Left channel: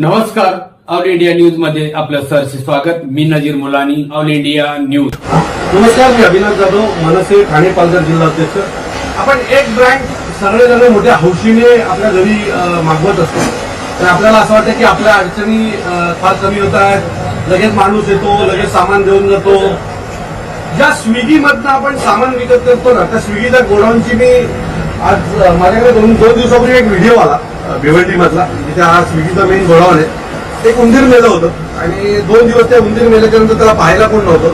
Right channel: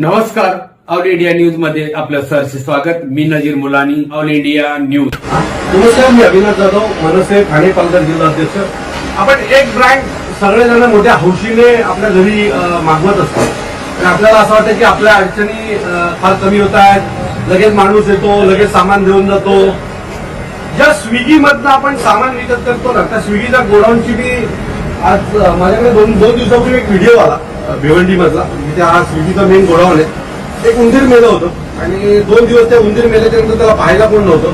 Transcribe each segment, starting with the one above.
नमस्कार. All India न्यूजमध्ये आपलं सरचे स्वागत. मी Nazir Mulani All India News. नमस्कार मी अविनाश जाधव मनसे ठाणे पालघर जिल्हा अध्यक्ष. आपण एक ब्रँड सगळेजण मोठ्या हौशीने आपल्या घरी मागवत असतो. आणि आपल्याला असं वाटतं की आपल्या अडचणी फार कमी होत आहेत. लगेच माणूस येतो लगेच सामान देऊन जातो. ज्या स्विगीमधनं आपण सामान विकत करतो ना त्या स्विगीच्या गोडाऊनची मी आज माझ्याकडे दोन दोन दिवसापूर्वी एक व्हिडिओ आला. भिवंडीमधला. मधला जिथे हा स्विगीचा मेन गोडाऊन आहे. एक उंदीर मेलं होतं. आणि दोन दिवस त्या उंदीर मेल्याच्या नंतर त्याला पाहायला कोण नव्हतं.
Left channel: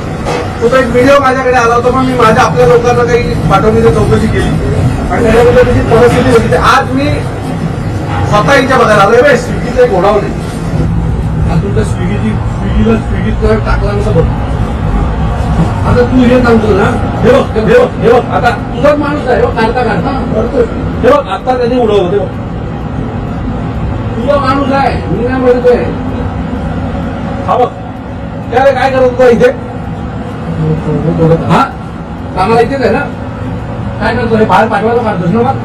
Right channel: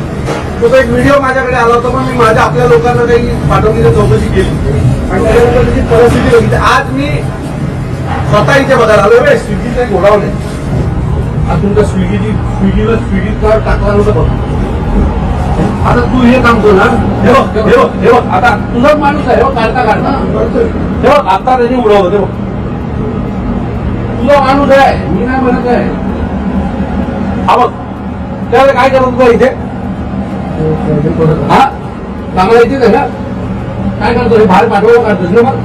तो एक व्हिडिओ माझ्याकडे आला होता मग मी माझ्या आपल्या लोकांना काही पाठवण्याची चौकशी केली. आणि त्याच्यानंतर त्याची परिस्थिती होती. आज मी स्वतः इथे बघायला आलो रे स्विगीचं एक गोडाऊन आहे. आज तुमच्या स्विगीची स्विगीला स्विगीत टाकला नव्हतं बघ. आता तू हे सांगतो ना. हे बघ हे बघ हे बघ. आता तुझाच माणूस आहे हो काढता काढता. करतोय हे बघ आता त्यांनी उडवलं बघ. तुझा माणूस आहे मी नाही म्हणत आहे. हा बघ. त्यावेळी काय करत होता इथे? हा? चांगला इथेच आहे ना? काय करतो हे बाहेर पाठवायला काढतोस ना मग?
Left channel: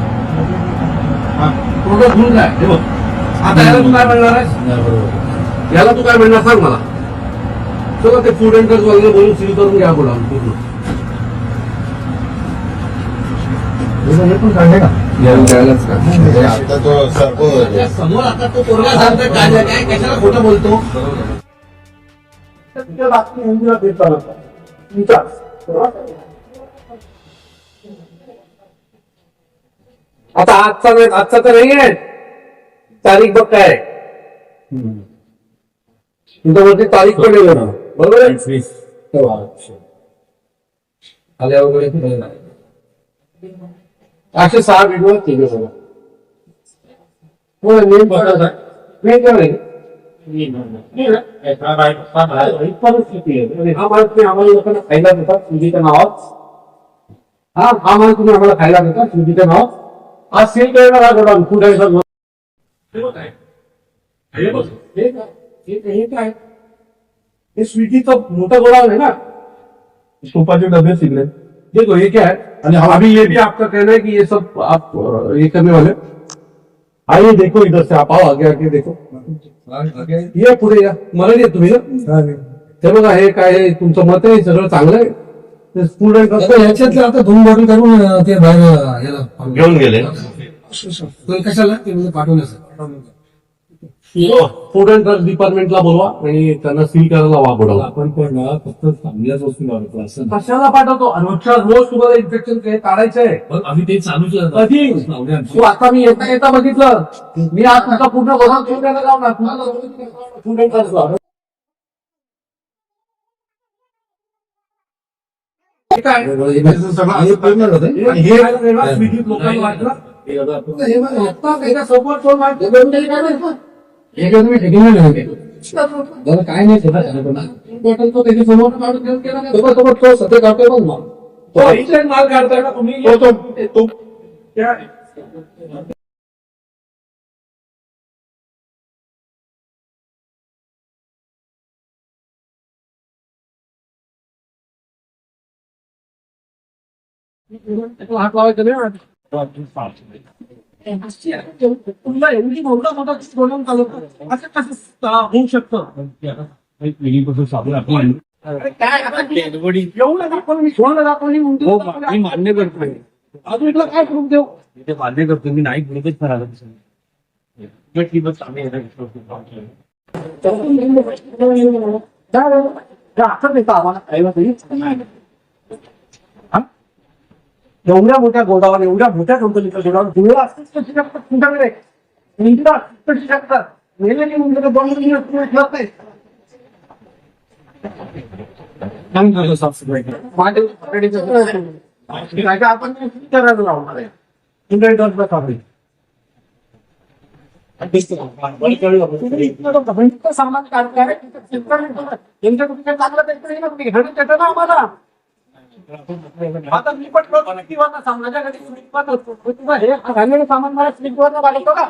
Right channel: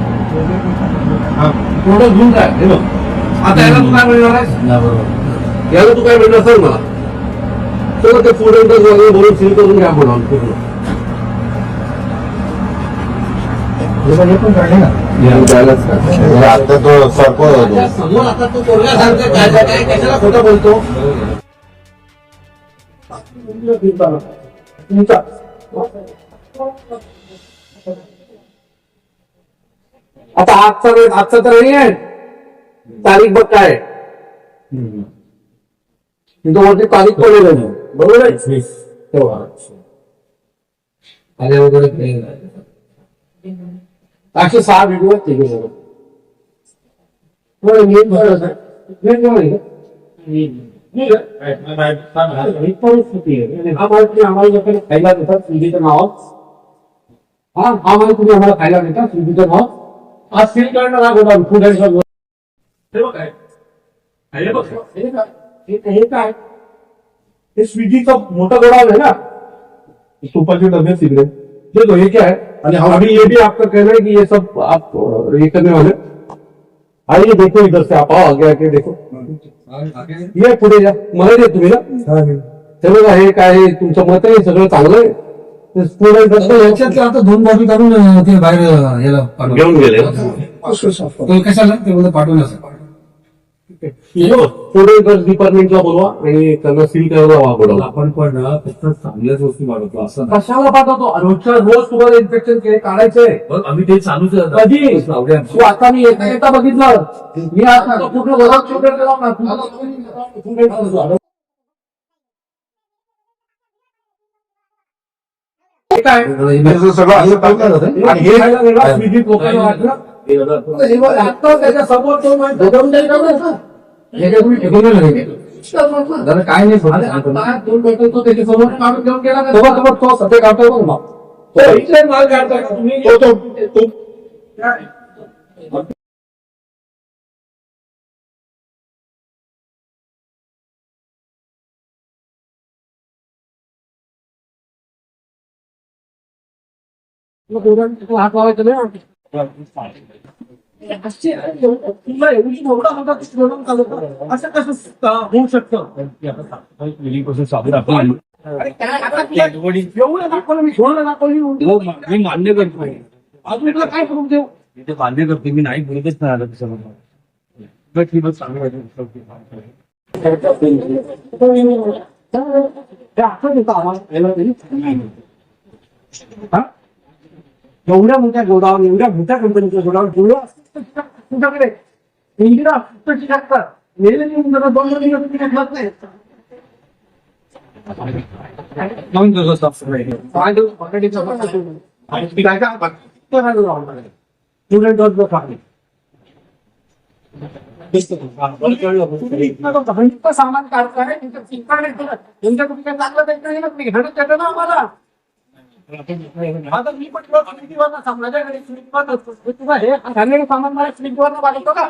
हा. थोडं घेऊन काय हे बघ. आता याला तू काय म्हणणार आहेस? याला तू काय म्हणणार? सर मला. चला ते फूड अँड वगैरे बोलून सील करून घ्या बोलावून समोर आता तो पोरगा सांगतोय काय काय काय कशाला खोटं बोलतो तुमच्या बातमी हिंदीला फिरता नका. तुमचा आता आजचा नाही आजचा तर नाही आहे तारीख बघ काय आहे. तुमच्या वरती तारीख पण ना बरोबर आहे तेव्हा. आल्या वगैरे नाही एकशे सहा व्हिडिओ आहेत तिघे सगळं तुम्हाला नेम काढायचा आहे? काय आहे? ही परिस्थिती आहे. आणि हा माल तुम्ही आम्हाला लोकांना खायला देतात सुधीच्या नावात हा हा माल तुम्ही आम्हाला खायला देता सुधीच्या नावात आज सेल करणार हा गोडाऊन फूड अँड हे काय? हे काय? काय? स्विगीचं मोठं गोडाऊन है ना. तुपाचे डब्बे सिगरेट देखो ये क्या है हा- अभी ये भी आपका कहना है कि ये सब आप ये करने वाले आइए देखो इधर से आप आओ आगे आगे देखो। ये पुढे या मला देत तुम्ही ना? हे बघा हे काय तुमचं मत आहे सगळं चांगलं आहे? ते स्टुडंट आता याच्यातले आता दोन बॉटल काढून अं, ते बाहेर याला. घेऊन गेले. तो कशाला? ते पाठवून असं. फूड अँड ड्रग्स डिपार्टमेंटला बोलवा आणि त्यांना सील करायला वा गोडाऊन आपण पण फक्त चांगल्याच वस्तू मागवतो असं नाही. कशाला पाठवतो रोजच्या रोज तुम्हाला इन्फेक्शन काढायचं आहे बघ आम्ही ते चालूच. कधी लावले आमची. तू आता मी येता येता बघितलं मी आज तुमचा पूर्ण गोदाम शोधायला लावणार Food and drugs ला. हे काय हे सगळं असं टाकलं जातं. आणि हे स्विगीत लोकांना वाटलं हे समोर तो काय तुम्ही ठेकून नाही दादा काय नाही तो समोर काढून घेऊन गेला का? तो तो सध्या मग तो माल काढता का तुम्ही हात लावायचं नाही तुला एवढी मोठा मोठा प्रोग्राम चालवतो असं कसं होऊ शकतं काय एवढं दाखवलं मी दाखवली मी मान्य करतोय अजून तुला काय करून देऊ मी ते मान्य करतोय मी नाही बोलतच नाही आलं तसं उलट बस चांगली आम्हाला एवढ्या मोठ्या गोडावर एवढ्या मोठ्या कंपनीचं गोडावर डोळं असंच कशी टाकतात तुमच्याकडे इंदिरा असंच कशी टाकतात मेलेली उंदरं दोन दोन दिवस तुम्ही उचलत नाही. विचारायला लावणार आहे. सामान काढताय तिथं चिंता नाही तुला. यांच्या कुठे काय चांगलं त्यांचं हे ना, तुम्ही घेणं ना आम्हाला. आता मी पण असतो. मी तुला हे घाललेलं सामान मला स्विगीवरनं मागवतो का?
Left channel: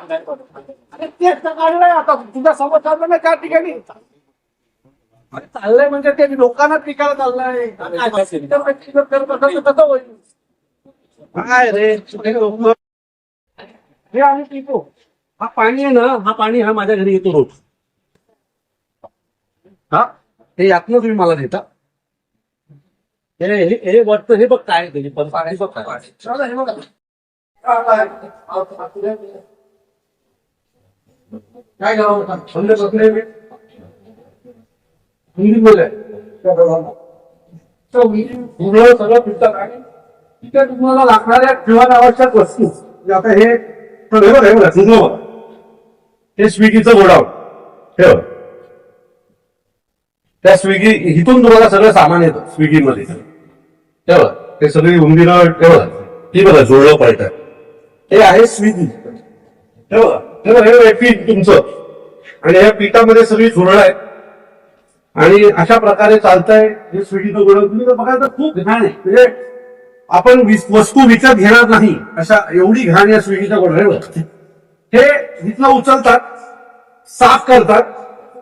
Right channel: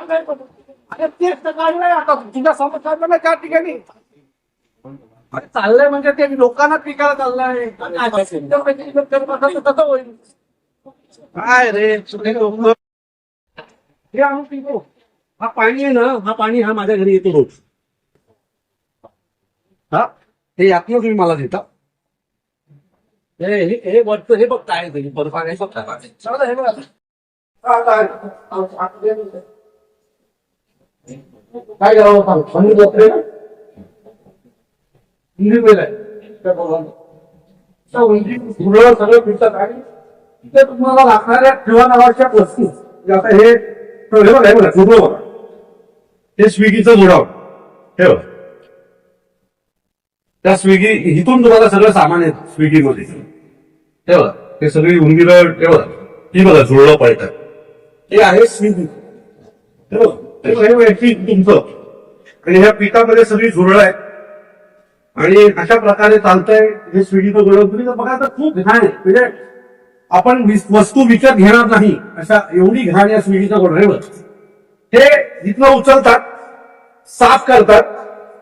अरे तेच तर काढलंय आता. तुझ्या समोर चाललं ना त्या ठिकाणी. अरे चाललंय म्हणजे ते लोकांनाच विकायला चाललंय. करत असेल होईल. काय रे हे आम्ही पितो. हा पाणी आहे ना हा पाणी हा माझ्या घरी येतो रोज. हा? हे यातनं तुम्ही मला देता. हे हे- हे हे बघ काय हे बघ. काय करावं. मंदिर बसले बोलाय पूर्ण सगळं फिरतात. आणि तिथे तुम्हाला लागणाऱ्या जीवन आवश्यक वस्तू. म्हणजे आता हे बघा हे बघा हे स्विगीचं हे बघा. त्या स्विगी इथून तुम्हाला सगळं सामान येतं स्विगीमध्ये. तेव्हा ते सगळी उंदीर हे ती बघा जुळलं पळत हे आहे स्विगी. तेव्हा हे पीठ तुमचं. आणि ह्या पिठामध्ये सगळी झुरळ आहे. आणि अशा प्रकारे चालतंय हे स्विगीचं गोडाऊन तुम्ही तर बघाल तर खूप घाण आहे. म्हणजे आपण वस्तू विकत घेणार नाही अशा एवढी घाण या स्विगीच्या गोडाऊनवर हे इथनं उचलतात साफ करतात.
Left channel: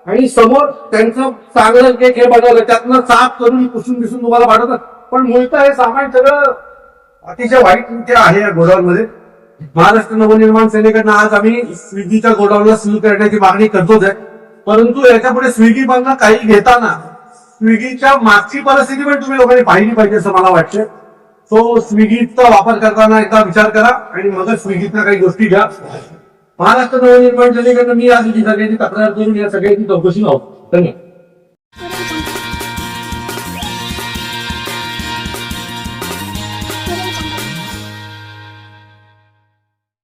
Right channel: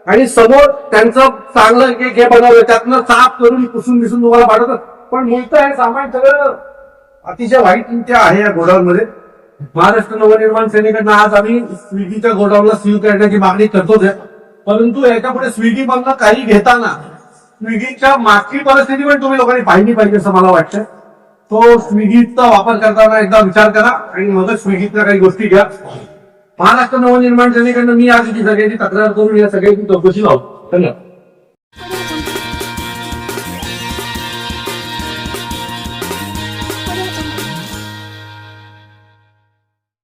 आणि समोर त्यांचं चांगलं केक हे बनवलं त्यातनं साफ करून पुसून बिसून तुम्हाला पाठवतात. पण मुळतं हे सामान सगळं अतिशय वाईट रीत्या आहे या गोडाऊनमध्ये. महाराष्ट्र नवनिर्माण सेनेकडनं आज आम्ही स्विगीच्या गोडाऊनला सील करण्याची मागणी करतोच आहे. परंतु याच्यापुढे स्विगी मधनं काही घेताना स्विगीच्या मागची परिस्थिती पण तुम्ही लोकांनी पाहिली पाहिजे असं मला वाटतं तो स्विगीचा वापर करताना एकदा विचार करा आणि मगच स्विगीतल्या काही गोष्टी घ्या. महाराष्ट्र नवनिर्माण सेनेकडनं मी आज ही सगळ्याची तक्रार करून या सगळ्याची चौकशी लावतो धन्यवाद.